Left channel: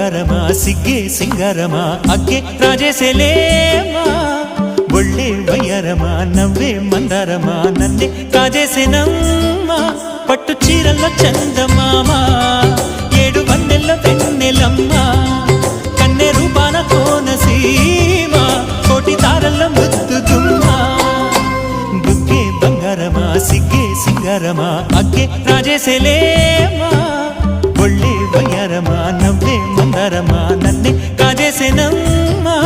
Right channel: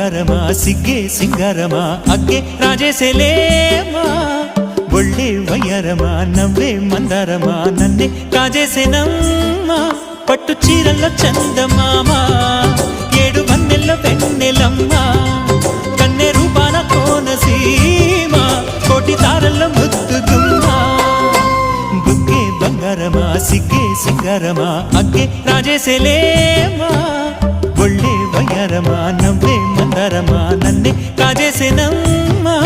బంగారమా సిగ్గే సింగారమా అగ్గే రాజేసేలేమా ఒళ్ళే వయ్యారమా నవ్వే మందారమా నన్నే కాజేసేనమ్మా పట్టు చీరల్లో చందమామా ఏడు వన్నెల్లో వెన్నెలమ్మా కన్నె రూపాన కోనసీమ కోటి తారల్లో ముద్దుగుమ్మా బుగ్గే బంగారమా సిగ్గే సింగారమా అగ్గే రాజేసేలేమా ఒళ్ళే వయ్యారమా నవ్వే మందారమా నన్నే కాజేసేనమ్మా